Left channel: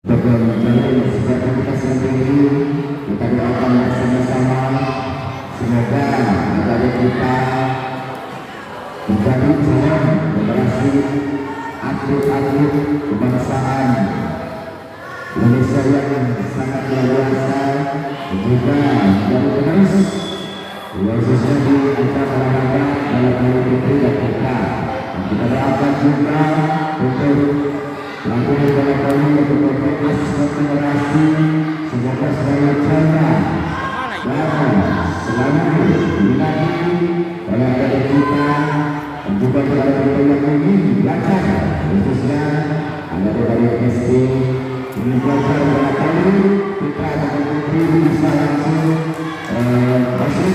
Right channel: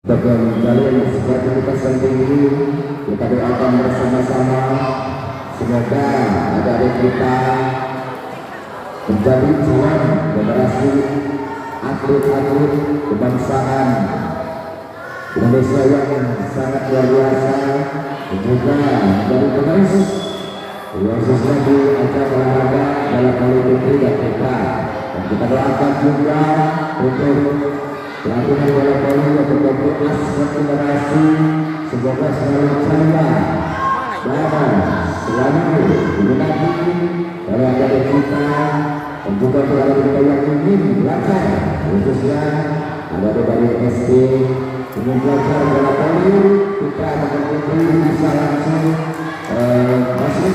Tegang jalur sejahtera kita sendiri, kita doakan bersama-sama semoga negara kita menjadi jalan generasi atlet-atlet kebangsaan Indonesia yang sangat luar biasa dan juga menjadi penerus khususnya di acara olahraga dalam hal ini yang kita doakan juga untuk lakukan kami untuk memperkuat generasi semoga selalu jaya dan selalu dilindungi oleh adik kita dan juga para yang ingin belajar khususnya ada dari SD ingin belajar kami kita akan bisa langsung masih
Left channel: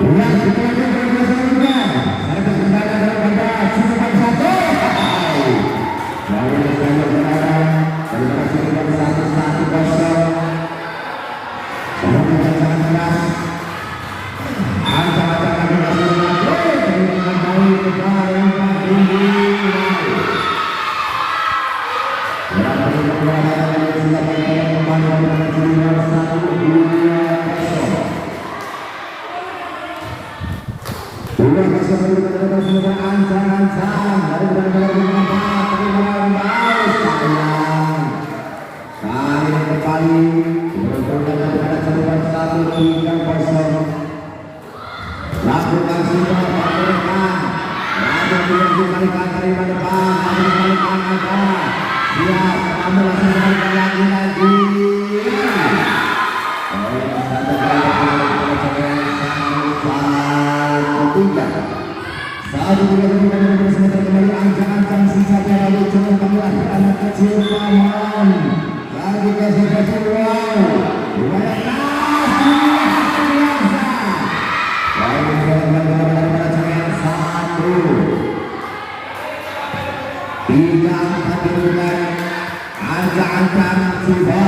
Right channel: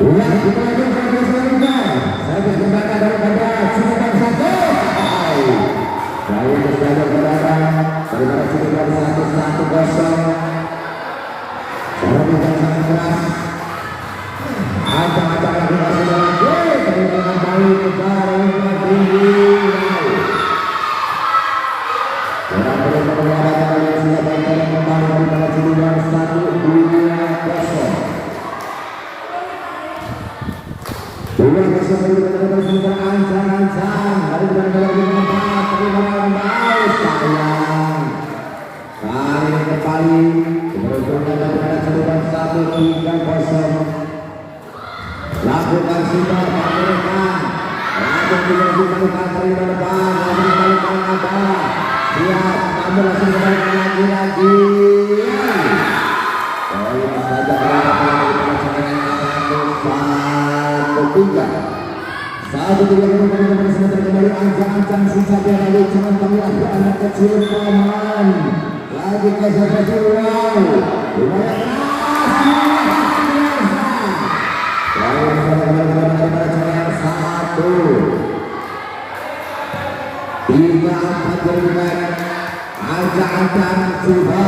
di aspek yang kita saya berkata dalam negara cukup satu lalu saya berkata terima kasih kepada 1-1 sangat keras ada terima kasih kepada ancang-ancang satu tiga kali sebentar kembali ancang-ancang sisa dari jangan kembali ke anak kecil paman lagi kasih kecil wow satu tiga angkat berulang ancang-ancang coba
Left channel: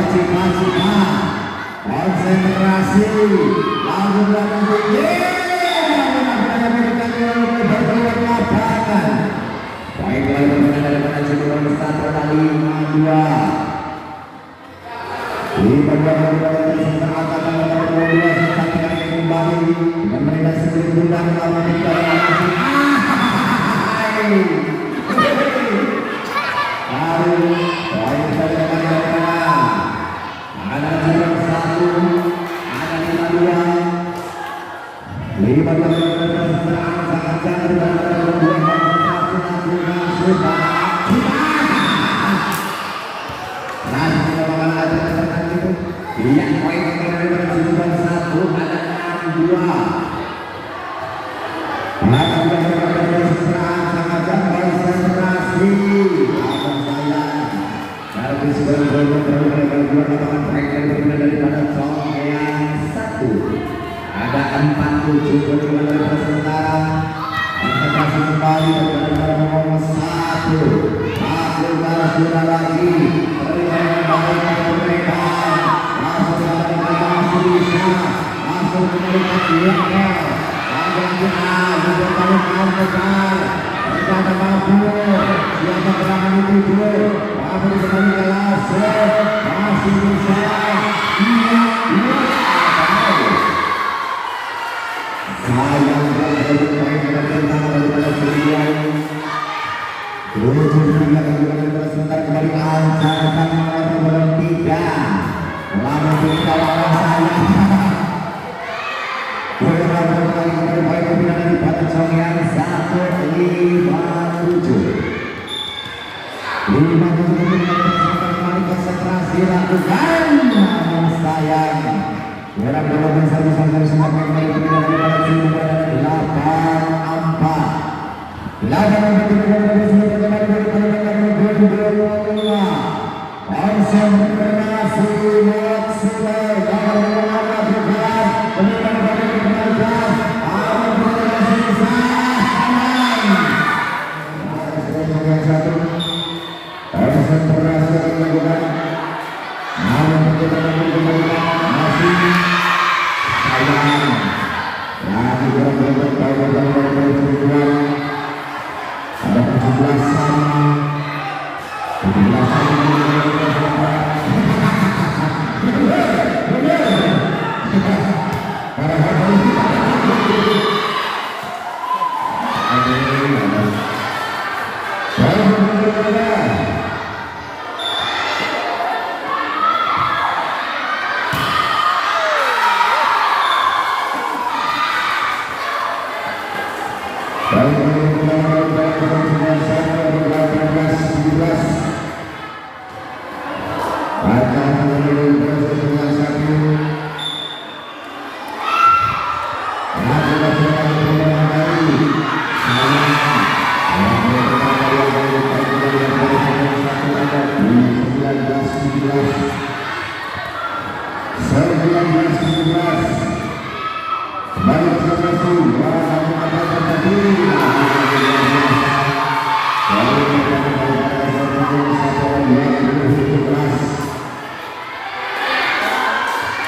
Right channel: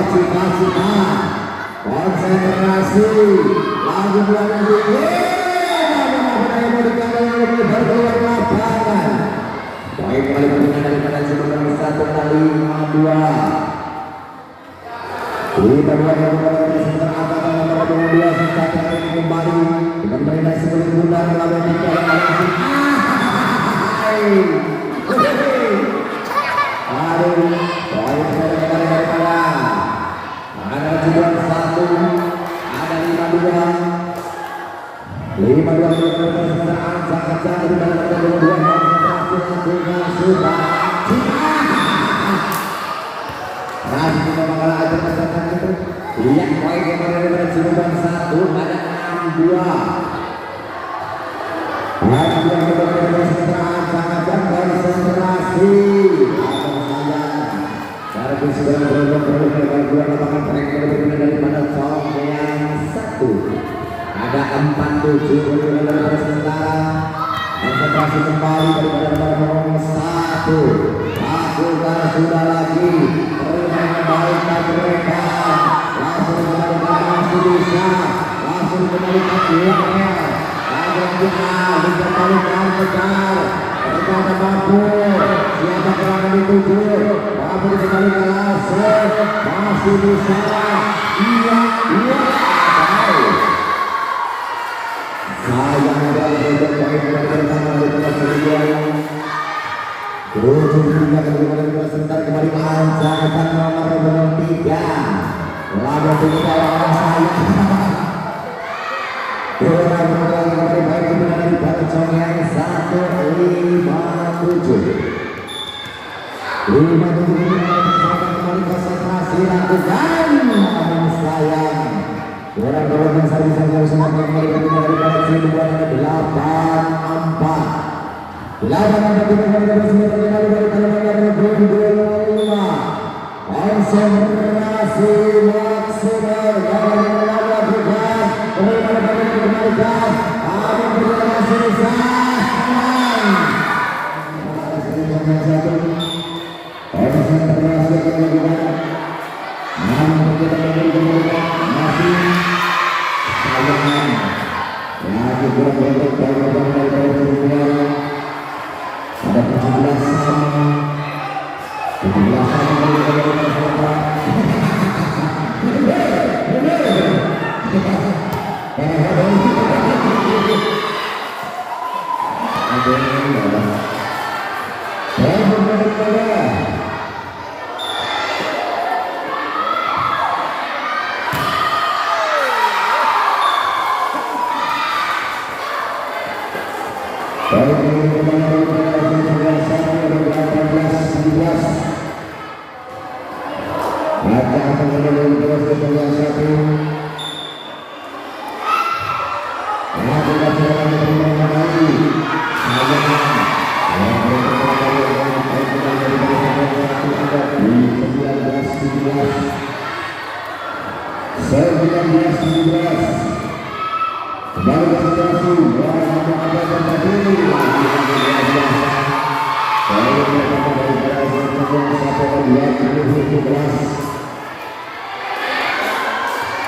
konsentrasi lagu berlagu baiklah daripada cedera satu kali 2 kita kembali dengan sebelum bulan ada 47 bersementara konsentrasi kembali kepada nomor 1 sudah lagi mereka langsung masih bisa langsung kembali masih bisa ada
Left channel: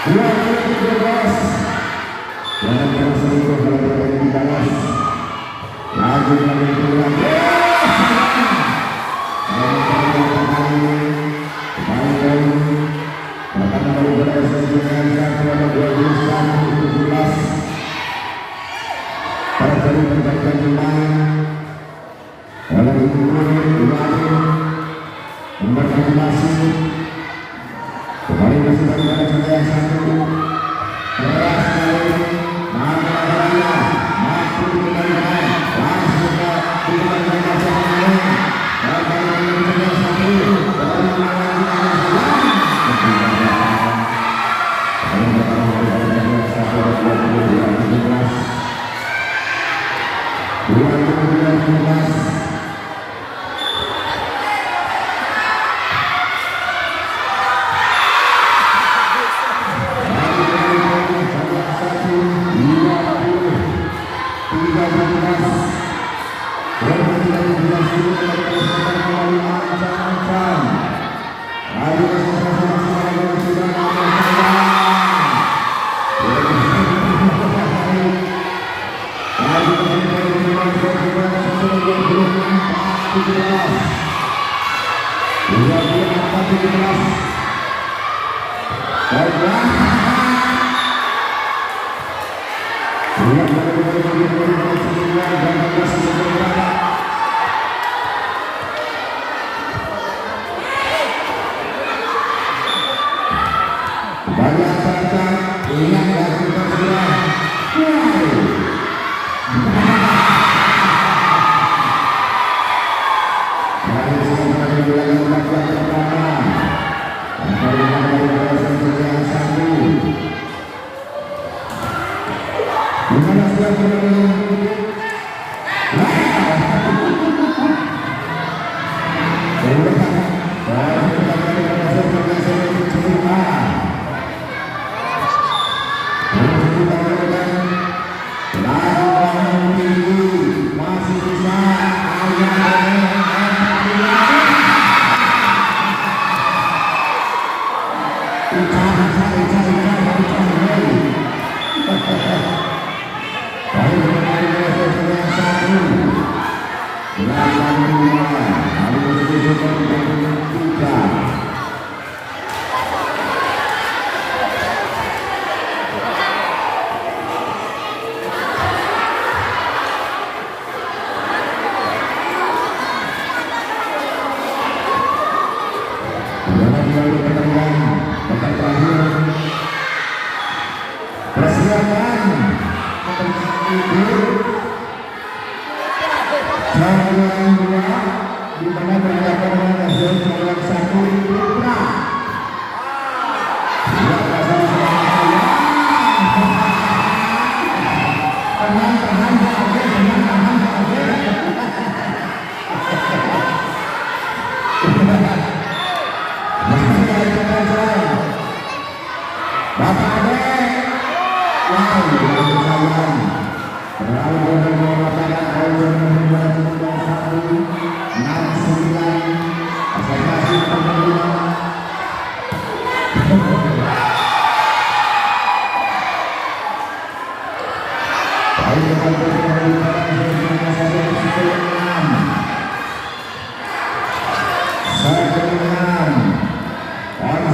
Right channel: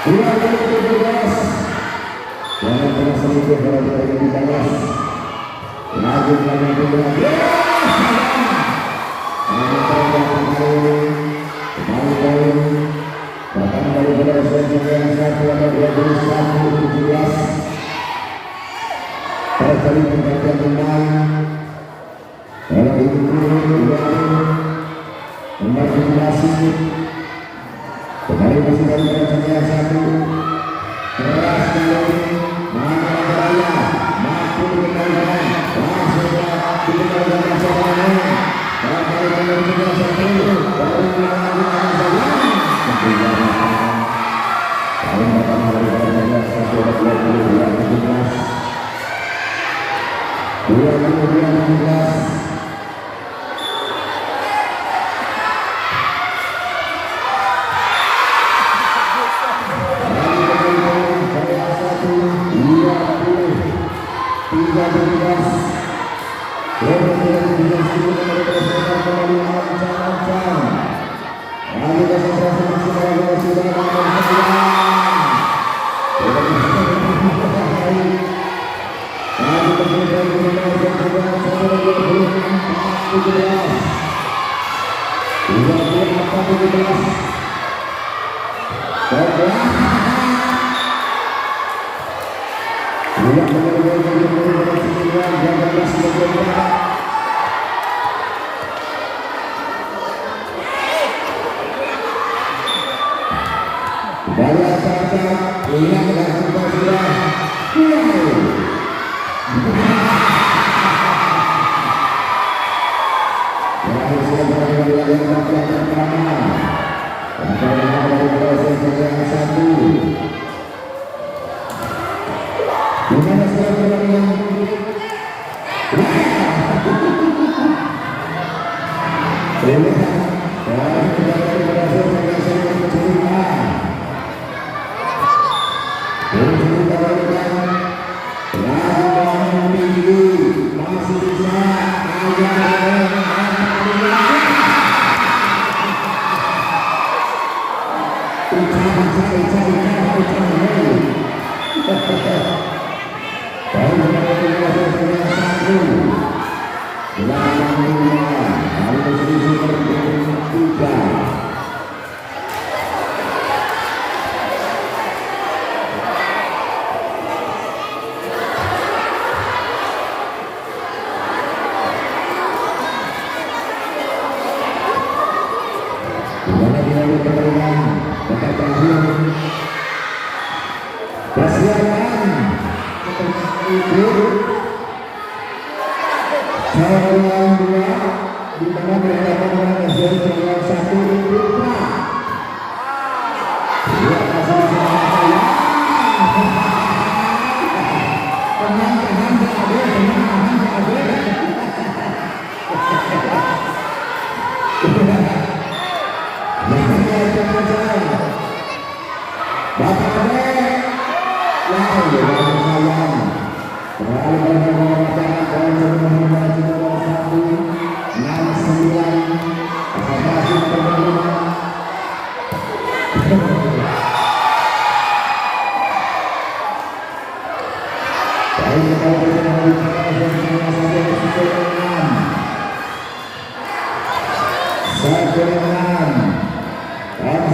2-17. Jangan terus sedikit berada di balas. Lagi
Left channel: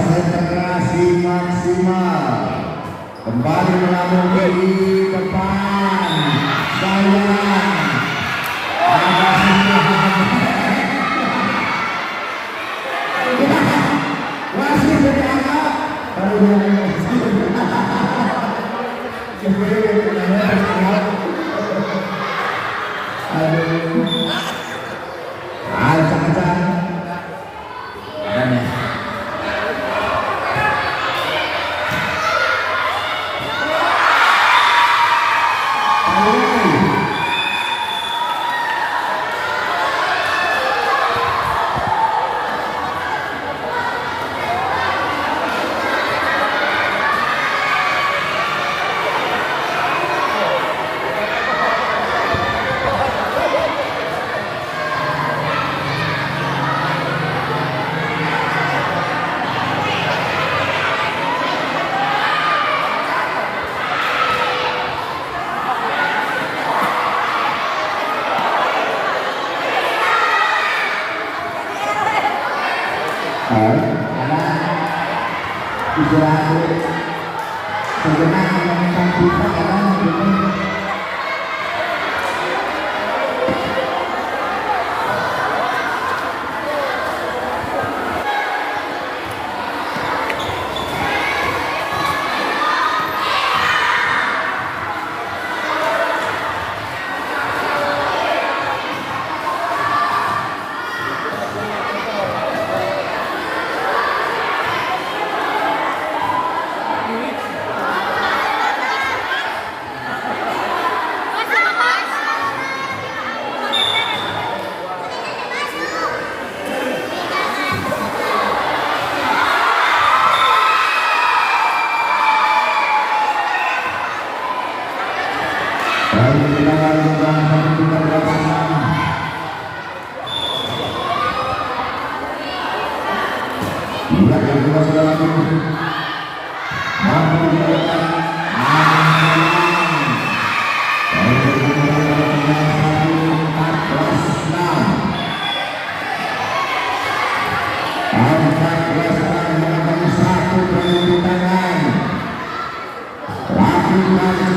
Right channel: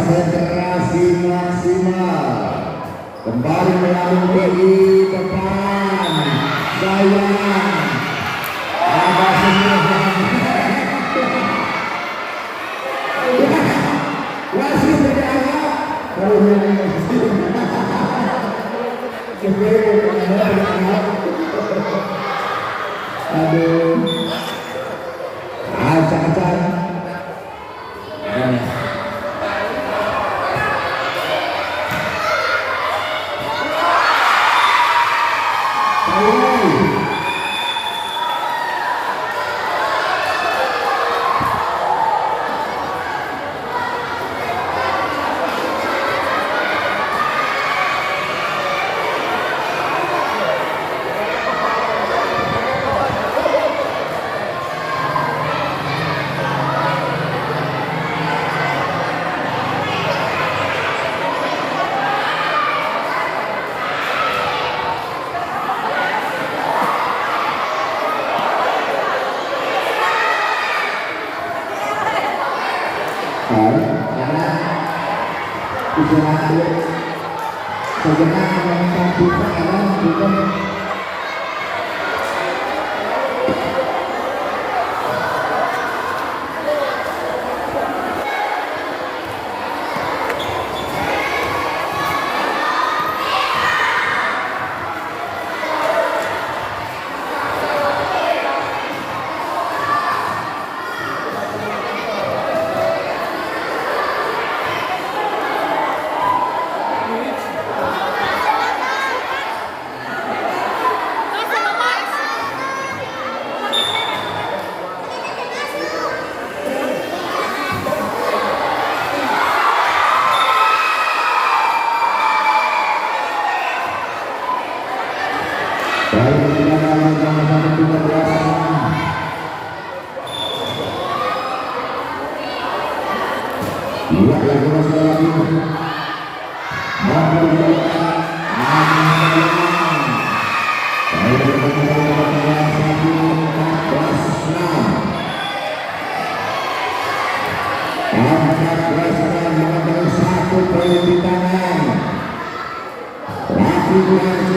konsentrasi maksimal kembali mengambil di depan Israel sebenarnya yang kita kan Terima